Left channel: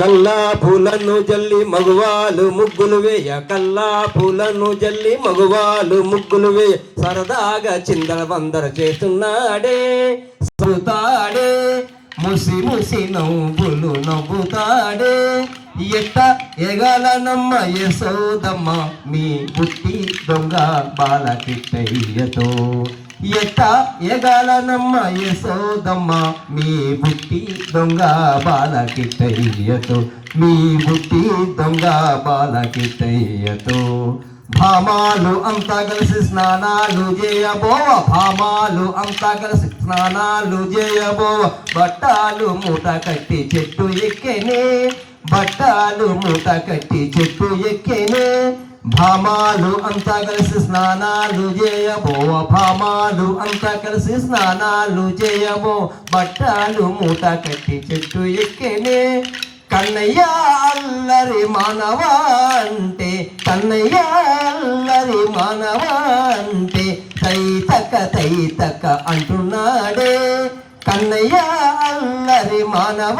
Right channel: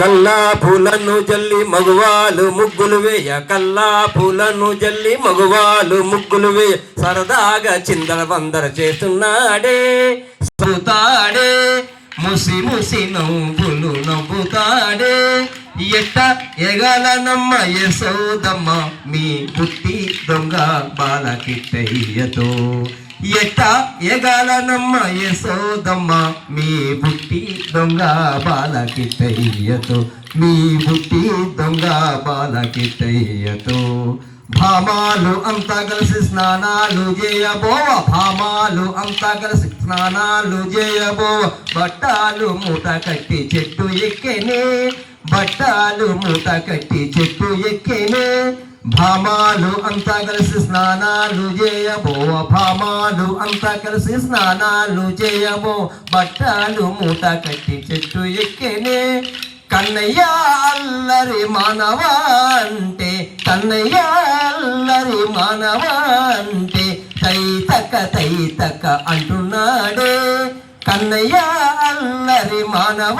కల్లా పూలను జల్లి మగవాళ్ళు ముగ్గులు వేయ, కల్లా పూలను జల్లి మగవాళ్ళు ముగ్గులు వేయ, సరదాగా చిందర వందర చేస్తున్నాడే సరుతాడే, ముసి ముసి నవ్వులు నవ్వుతాడే. ఎట్ట ఎగాలనమ్మ యశోదమ్మ మీ బుట్టి దొంగ బాలకిట్టయ్యతో, ఎట్ట ఎగాలనమ్మ యశోదమ్మ మీ బుట్టి దొంగ బాలకిట్టయ్యతో, మీ బుట్టి దొంగ బాలకిట్టయ్యతో. భామాలు అంతా కలిసి స్నానాలు చేయబోవ, భామాలు అంతా కలిసి స్నానాలు చేయబోవ, బట్టాలు మూట కట్టి చెట్టు ఎక్కేనే, బట్టాలు మూట కట్టి చెట్టు ఎక్కేనే. భామాలు అంతా కలిసి స్నానాలు చేయబోవ, భామాలు అంతా కలిసి స్నానాలు చేయబో, బట్టాలు మూట కట్టి చెట్టు ఎక్కేనే. కన్నయ్య అల్లరి మానవ అంటే, కన్నయ్య అల్లరి మానవ అంటే, తైతక్క అంటున్నాడే. కన్నయ్య అల్లరి మానవ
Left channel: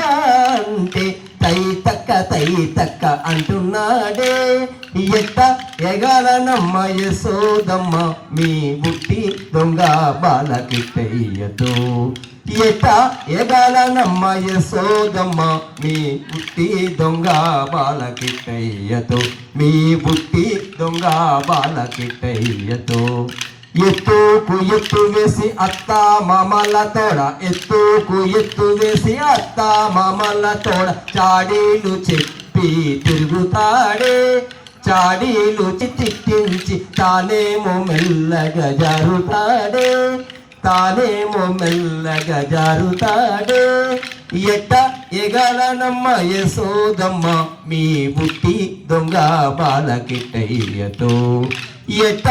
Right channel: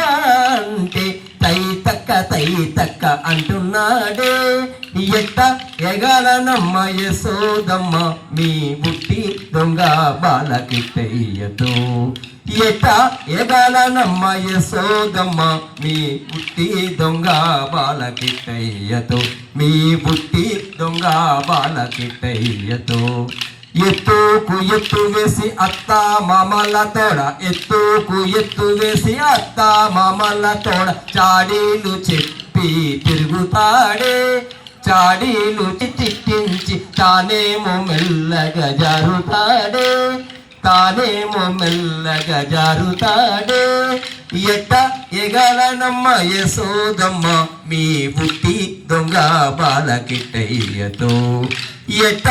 అంటే, తైతక్క అంటున్నాడే. ఎట్ట ఎగాలనమ్మ యశోదమ్మ మీ బుట్టి దొంగ బాలకిట్టయ్యతో, ఎట్ట ఎగాలనమ్మ యశోదమ్మ మీ బుట్టి దొంగ బాలకిట్టయ్యతో, మీ బుట్టి దొంగ బాలకిట్టయ్యతో. ఎత్తుకు ఎత్తు వేసి అత్త మామల తోడ, ఎత్తుకు ఎత్తు వేసి అత్త మామల తోడ, చాడీలు చెప్పి తిరుగుతాడే, చాడీలు చిట్టించి తానేమో మెల్లగా జారుతాడే, తానేమో మెల్లగా జారుతాడే. ఎట్ట ఎగాలనమ్మ యశోదమ్మ మీ బుట్టి దొంగ బాలకిట్టయ్యతో, ఎట్ట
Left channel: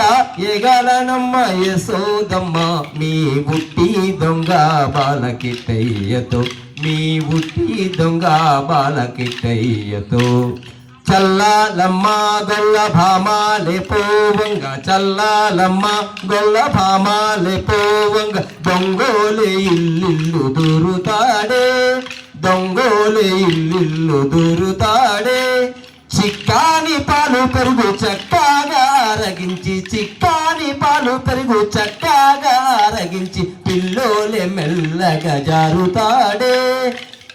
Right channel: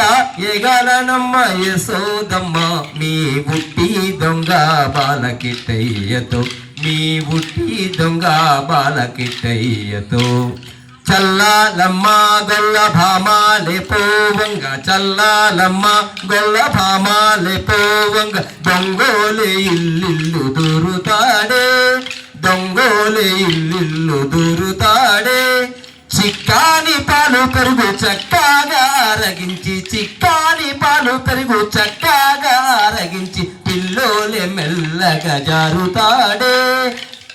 ఎగాలనమ్మ యశోదమ్మ మీ బుట్టి దొంగ బాలకిట్టయ్యతో, మీ బుట్టి దొంగ బాలకిట్టయ్యతో. చల్లాలమ్మ గొల్ల భామాలే పోవంగ, చల్లాలమ్మ గొల్ల భామాలే పోవంగ, దొంగోలే ఇల్లిల్లు దూరుతాడే, దొంగోలే ఇల్లిల్లు దూరుతాడే. చిక్కాని పాలు పెరుగు చక్కగా అరగించి, చిక్కాని పాలు పెరుగు చక్కగా అరగించి, పిల్లోలే మెల్లగా జారుతాడే,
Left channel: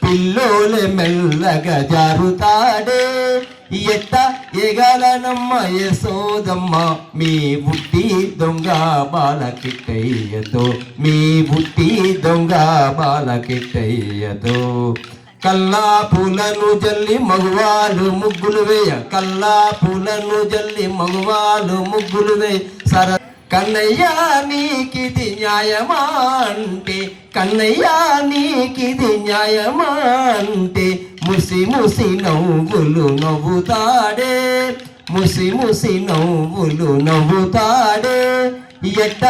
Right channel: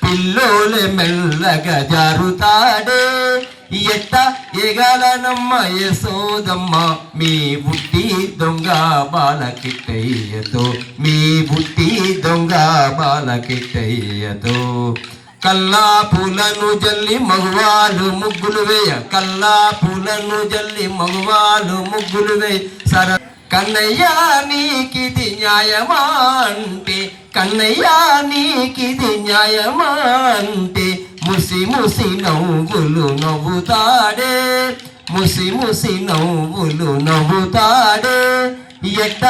పిల్లోలే మెల్లగా జారుతాడే. ఎట్ట ఎగాలనమ్మ యశోదమ్మ మీ బుట్టి దొంగ బాలకిట్టయ్యతో, మీ బుట్టి దొంగ బాలకిట్టయ్యతో. కల్లా పూలను జల్లి మగవాళ్ళు ముగ్గులు వేయ, కల్లా పూలను జల్లి మగవాళ్ళు ముగ్గులు వేయ, సర కన్నయ్య నీకిది న్యాయమా అంటే, కన్నయ్య నీకిది న్యాయమా అంటే, ముసి ముసి నవ్వులు నవ్వుతాడే, ముసి ముసి నవ్వులు నవ్వుతాడే. ఎట్ట